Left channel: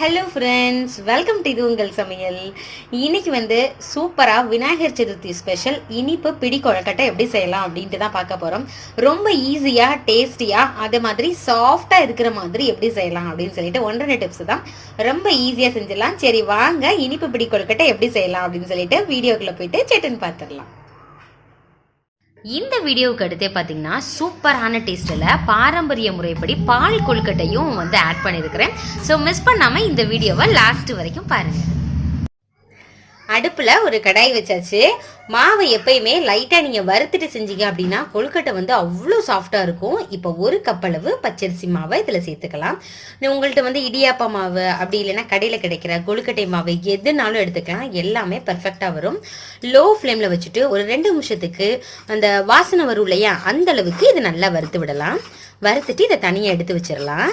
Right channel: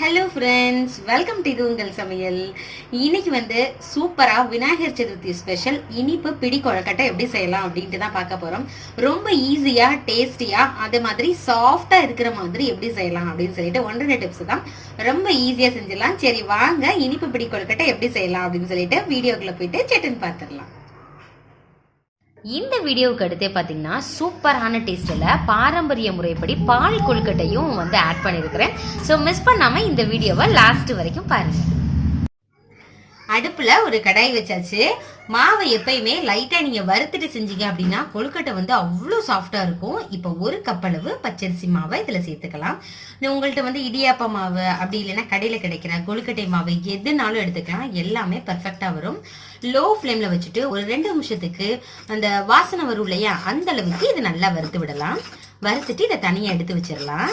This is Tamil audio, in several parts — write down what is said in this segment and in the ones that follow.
ஹலோ ஃப்ரெண்ட்ஸ், வெல்கம் டு இது உங்கள் சமையல். இன்னைக்கு வந்து சூப்பராக விநாயகர் சதுர்த்தி ஸ்பெஷல் இனிப்பு பிடி கொழுக்கட்டை எப்படி செய்யலாம் அப்படின்ட்டு தான் பார்க்க போகிறோம். ரொம்ப ஈஸியாக டேஸ்டியாக அதே மாதிரி சாஃப்டாக இருக்கிற மாதிரி எப்படி செய்யலாம் அப்படின்னு சொல்லிட்டு 1-2 டிப்ஸ் தான். ரொம்ப ஈஸியாக செஞ்சிடலாம். சரி வாங்க, இனிப்பு பிடி கொழுக்கட்டை எப்படி செய்யலாம் அப்படின்னு சொல்லிட்டு வீடியோக்குள்ளே போயிட்டு செட்டுன்னு பார்த்துடலாம். இந்த வீடியோவுக்கு அடுத்தே பார்த்தீங்கன்னா சூப்பரான டேஸ்ட்டில் பாரம்பரிய முறைப்படி பால் கொழுக்கட்டையும் வந்து ஆட் பண்ணியிருக்கிறேன். ஸோ மிஸ் பண்ணாமல் இந்த வீடியோவை லாஸ்ட் வரைக்கும் பாருங்கள். அடுப்பில் ஒரு கடாய் வச்சாச்சு. மாவை எப்பயுமே லைட்டாக நீங்கள் வறுத்துட்டு செஞ்சீங்க அப்படின்னா கொழுக்கட்டை வந்து அவ்வளோ சாஃப்டாக இருக்கும். இப்போ 1 கப் அளவு பச்சரிசி மாவை இதில் சேர்த்துக்கலாம். உங்கள்கிட்ட வந்து இடியாப்பா மாவு அப்படி இல்லைன்னா கடையில் கிடைக்கிற கொழுக்கட்டை மாவு எதுனாலும் எடுத்துக்கலாம். எல்லாமே பர்ஃபெக்டாக வரும். லோ ஃப்ளேமில் வச்சுட்டு ஒரு 2 நிமிஷத்துக்கு அந்த வாசனை வரும் இல்லையா, அந்த அளவுக்கு இதை நல்லா வறுத்து விடலாம். வறுத்துட்டு இதை தனியாக எடுத்து வச்சிடலாம்.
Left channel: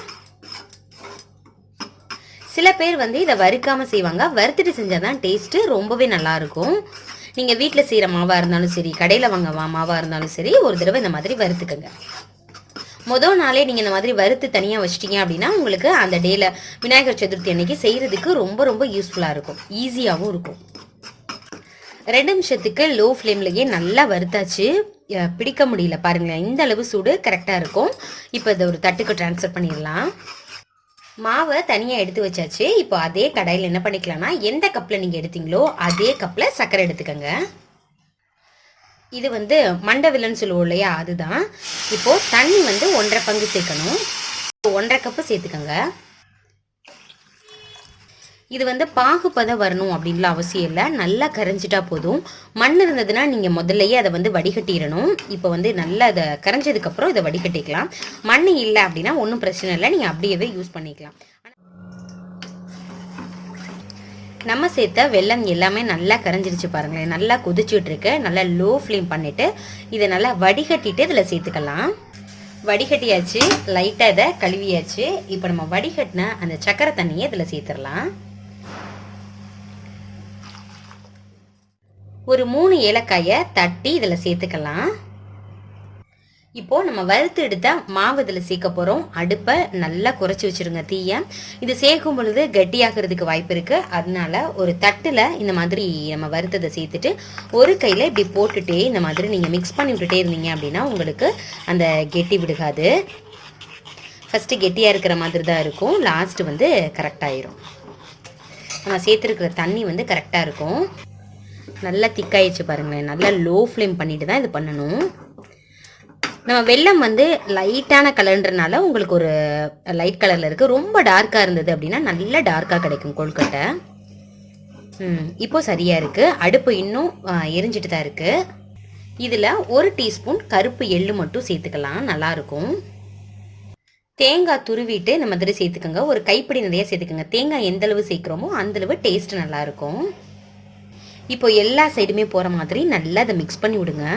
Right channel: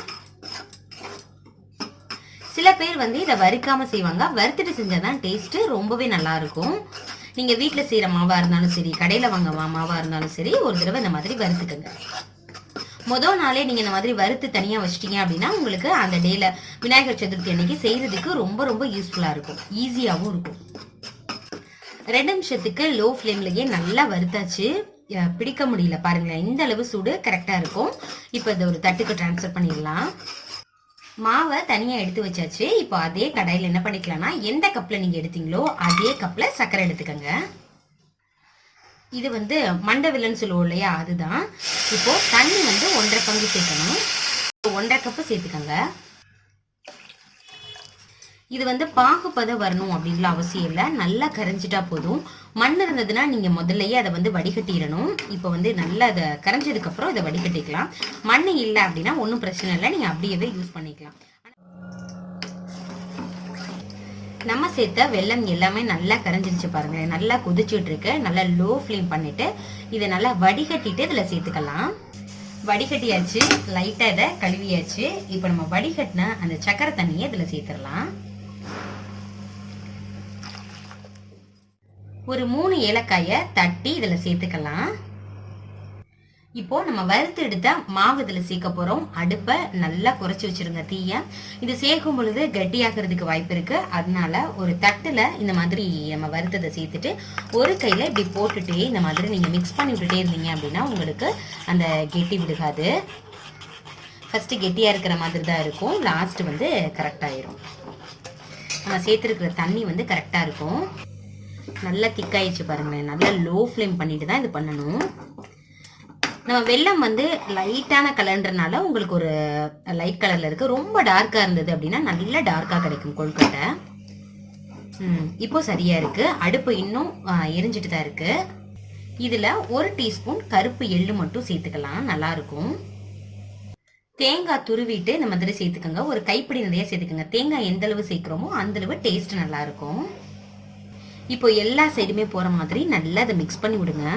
சில பேர் வந்து இதை வறுக்காம செய்வாங்க. வறுத்துட்டு செஞ்சாதான் டேஸ்ட் ரொம்பவே நல்லா இருக்கும். நீங்க வீட்டுல செய்யற மாவா இருந்தாலும் சரி, கடையில வாங்க மாவா இருந்தாலும் சரி, ஒரு தடவை இந்த மாதிரி வறுத்துக்கங்க. முதல் நாளே நீங்க இந்த மாதிரி வறுத்து தனியா வச்சிட்டீங்க அப்படின்னா உங்களுக்கு அந்த டேல விநாயகர் சதுர்த்தி அன்னைக்கு செய்யறதுக்கு ரொம்ப ரொம்ப யூஸ்ஃபுல்லா இருக்கும், ஈஸியாகவும் இருக்கும். 2 நிமிஷத்துக்கு லோ ஃப்ளேம்லயே நல்லா வறுத்தாச்சு. பிடிக்க முடியல பாருங்களேன், இந்த அளவு சூடு கரெக்டா இருக்கும். இப்போ இதை ஒரு தட்டுக்கு டிரான்ஸ்ஃபர் பண்ணிடலாம். மாவை தனியாக எடுத்து வச்சாச்சு. இப்போ அதே கடாயில் என்ன பண்ணிக்கலாம்னா, எந்த கப்பில் நீங்கள் எடுத்தீங்களோ அதே கப்பில் சர்க்கரை எடுத்துக்கோங்க. இது வந்து மண்டை வில்லுன்னு சொல்லுவோம் இல்லையா, அதுதான். இப்போ தண்ணி வந்து 1.5 பங்கு சேர்க்கணும். 1.5 கப்பு சேர்த்துக்கோங்க. இது வந்து பாகுபதம் வரணும் அப்படின்லாம் அவசியம் இல்லை, நல்லா கரைஞ்சிட்டா போதும். மண் இருந்ததுன்னா நீங்க முதல்லயே அதை வந்து வடிகட்டிடணும். இப்போ வந்து நல்லா அதை கரைஞ்சதுக்கு அப்புறம் இதை வடிகட்டிக்கலாம். மண் இல்லை அப்படின்னா ஒன்றும் பிரச்சனை இல்லை, நீங்க அப்படியே யூஸ் பண்ணிக்கலாம். நம்ம சேர்த்த வெல்லம் எல்லாமே நல்லா கரைஞ்சிருச்சு பாருங்களேன், நல்லா கொதிச்சுட்டு இருக்கு. நல்லா லோ ஃப்ளேம் பண்ணிட்டு இதை நல்லா வடிகட்டிட்டு இதில் சேர்த்துக்கலாம். வடிகட்டியாச்சு, லைட்டாக இதை கழுவியாச்சு. இப்போ நம்ம வடிகட்டின அந்த சக்கரை தண்ணியை இதில் சேர்த்துடலாம். ஒரு 3 ஏலக்காயை தட்டி இதில் சேர்த்துக்கலாம். இப்போ நம்ம வறுத்து எடுத்த மாவு இதில் சேர்க்க போகிறோம். அடுப்பை நல்லா குறைச்சி வச்சிருங்க தீய. இது சேர்க்கும் பொழுது கெட்டியாகிறதுக்கு வாய்ப்பு இருக்கு. அதனால ஒரு தட்டில் இந்த மாதிரி நம்ம வறுத்ததை சேர்த்துட்டு ஒரு கையில் இப்படி போட்டுட்டே இந்த மாதிரி நீங்கள் மிக்ஸ் பண்ணி விட்டுட்டே இருந்தீங்க அப்படின்னா உங்களுக்கு அந்த கெட்டி விடுகாது. ஃபர்ஸ்ட் கெட்டியாக இருக்கிற மாதிரி தான் இருக்கும், லாஸ்ட் வந்து கரெக்டாயிரும். நம்ம சேர்த்துருக்கிற தண்ணி வந்து கரெக்டாக இருக்கும். நல்லா திக்காயிடுச்சு பாருங்களேன். நல்லா லோ ஃப்ளேம் பண்ணிட்டு தான் இது பண்ணணும். நம்ம வெல்லம் வந்து லைட்டான கலர்ன்றனால உங்களுக்கு ஒரு லைட் கலர்ல இருக்கு. ரொம்ப டார்க்கா இருந்தது அப்படின்னா நல்லா டார்க்கா கிடைக்கும் கொழுக்கட்டை. இப்போ சரியா இருக்கு. அடுப்பு இன்னும் எரிஞ்சிட்டு தான் இருக்கு. இதுல 1 டீஸ்பூன் கருப்பு எள்ளு மட்டும் சேர்த்துக்கலாம், நல்லா இருக்கும். தேங்காய் துருவிட்டு இந்த மாதிரி சேர்த்துக்கோங்க. ஒரு கைப்பிடி நிறைய சேர்த்துக்கோங்க. தேங்காய் எந்த அளவு சேர்க்கிறோமோ அந்த அளவு டேஸ்ட் நல்லா இருக்கும். இப்போ எல்லா சைடுமே போற மாதிரி நல்லா அதை மிக்ஸ் பண்ணி விடுங்க.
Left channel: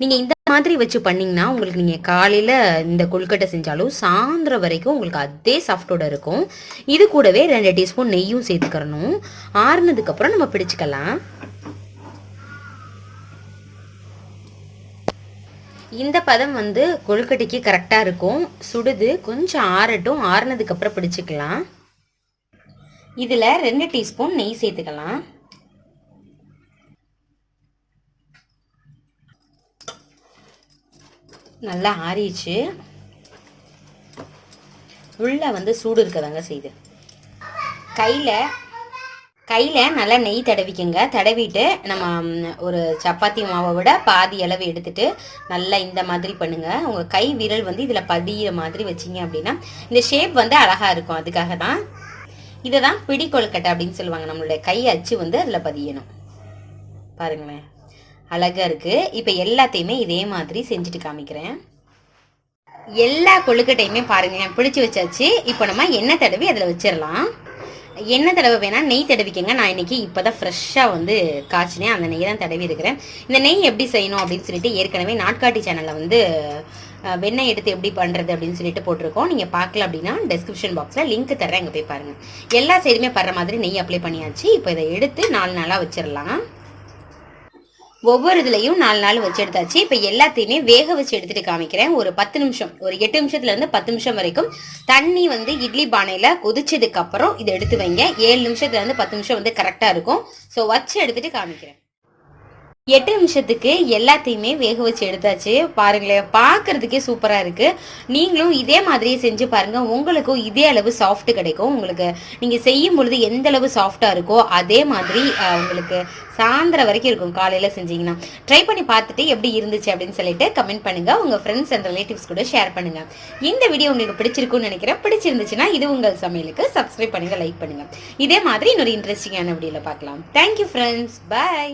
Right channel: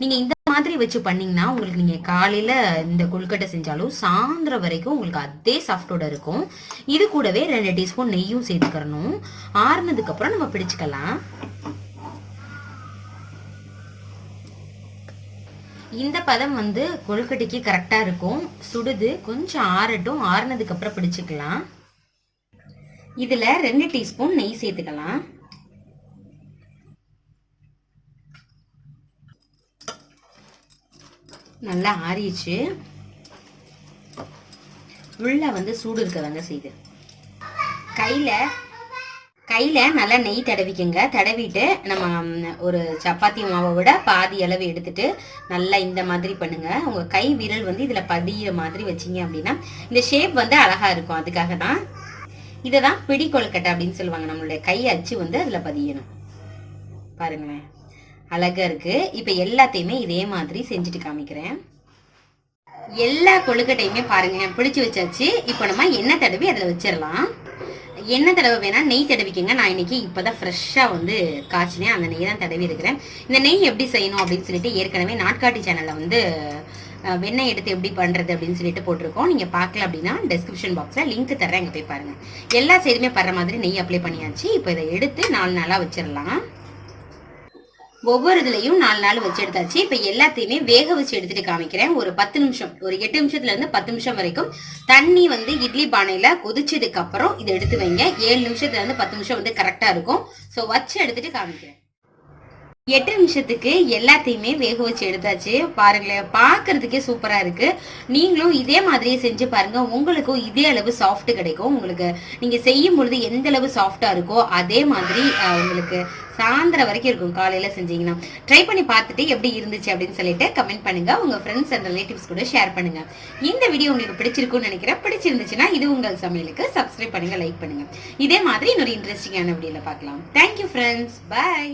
நீங்க இந்த மாதிரி வச்சு பண்ணீங்கன்னா உங்களுக்கு நீங்க காலையில இந்த கொழுக்கட்டை செஞ்சாலும் சாயந்தரம் வரைக்கும் உங்களுக்கு அதே சாஃப்டோட இருக்கும். இது கூடவே 2 டீஸ்பூன் நெய்யும் சேர்த்துக்கிறணும். ஆறுனதுக்கு அப்புறம் நம்ம பிடிச்சுக்கலாம். இந்த பதம் வந்து கொழுக்கட்டைக்கு கரெக்டா இருக்கும். சுடுது, கொஞ்சம் ஆறட்டும். ஆறுனதுக்கு அப்புறம் பிடிச்சுக்கலாம். இதுல 2 டீஸ்பூன் நெய் சேர்த்துக்கலாம். நல்லா ஆறிச்சு. உள்ள வந்து சூடு இருக்கதாங்க செய்து கையில நல்லா நெய் தடவிக்குங்க. தடவிட்டு நம்ம ஒரு சப்பாத்தி மாவை விட பாதி அளவு எடுத்துட்டு நல்லா இந்த மாதிரி பண்ணுங்க. உங்க கை விரல் வந்து இதுல பதிய மாதிரி வச்சிங்க அப்படின்னா இந்த ஷேப் வந்து அழகா இருக்கும். அதுக்காக தான் இதுதான் பிடி கொழுக்கட்டை அப்படின்னு சொல்லுவாங்க. நம்மளுடைய கை அச்சு வந்து அதுல பதியணும். பாருங்களேன், அழகா இருக்கு. இப்ப எல்லாத்தையுமே இதே மாதிரி செஞ்சுட்டு காமிக்கிறேன். எல்லா கொழுக்கட்டையுமே பாருங்க பிடிச்சு வச்சாச்சு. இப்போ நம்ம எண்ணெய் தடவி அதுல வச்சிடலாம். எண்ணெய் தடவை வேணா நெய் தடவிக்கங்க. நான் இன்னைக்கு இப்பதான் ஃப்ரெஷ்ஷா வந்து காய்ச்சினேன், அந்த நெய் தான் தடவி இருக்கிறேன். இந்த நெய் எப்படி செய்யணும் அப்படின்னு சொல்லிட்டு ஏற்கனவே நாட்காட்டி சேனல்ல வந்து வெண்ணெய் எடுத்து எப்படி பண்றது அப்படின்னு சொல்லிட்டு போட்டிருக்கோம். நீங்க பார்க்கல அப்படின்னா டெஸ்கிரிப்ஷன் பாக்ஸ்ல லிங்க் தர்றேன், அங்க போய் பாருங்க. எல்லா சைடுமே படுற மாதிரி நெய் அப்ளை பண்ணியாச்சு. இப்போ இதை எடுத்து 4 நாளா வச்சிடலாம். ஒவ்வொரு இதுலையும் 4 நாள் வச்சு எடுத்தாச்சு. இப்ப எல்லாத்தையுமே வேக வச்சு எடுத்துட்டு காமிக்கிறேன். ஒரு 10 நிமிஷம், ஒரு 8 நிமிஷத்துல இருந்து 10 நிமிஷம் வரைக்கும் தண்ணி வந்து இட்லி பானையில கொதிச்சதுக்கு அப்புறம் இதை எடுத்து வைங்க. 7 நிமிஷத்துல இருந்து 10 நிமிஷம் வந்து கரெக்டா இருக்கும். சோ வச்சு எடுத்துட்டு காமிக்கிறேன். 8 நிமிஷத்துக்கு எல்லாத்தையுமே வேக வச்சு எடுத்தாச்சு. பாருங்களேன், பாக்குறதுக்கே சூப்பரா இருக்கு. நீங்களும் இதே மாதிரியே செஞ்சு பாருங்க. உங்களுக்கும் இதே அளவு சாஃப்ட் கிடைக்கும். உங்களுக்கு நீங்க செய்யும் பொழுது எந்த அளவு சாஃப்டா இருக்கோ அதே மாதிரி உங்களுக்கு சாயந்தரம் வரைக்கும் இருக்கும். காலையில செஞ்சீங்கன்னா ட்ரை பண்ணி பார்த்துட்டு எப்படி இருந்துச்சு அப்படின்னு சொல்லிட்டு கமெண்ட் பண்ணுங்க. உங்க ஃப்ரெண்ட்ஸ் அண்ட் ரிலேட்டிவ்ஸ் கூட ஷேர் பண்ணுங்க. இந்த வீடியோ உங்களுக்கு பிடிச்சிருக்கும்னு நினைக்கிறேன். பிடிச்சிருந்துச்சுன்னா இது உங்கள் சமையலுக்கு சப்ஸ்கிரைப் பண்ணுங்க, லைக் பண்ணுங்க. இதே மாதிரி இன்னொரு இன்ட்ரெஸ்டிங்கான வீடியோல பார்க்கலாம். Thank you friends, by.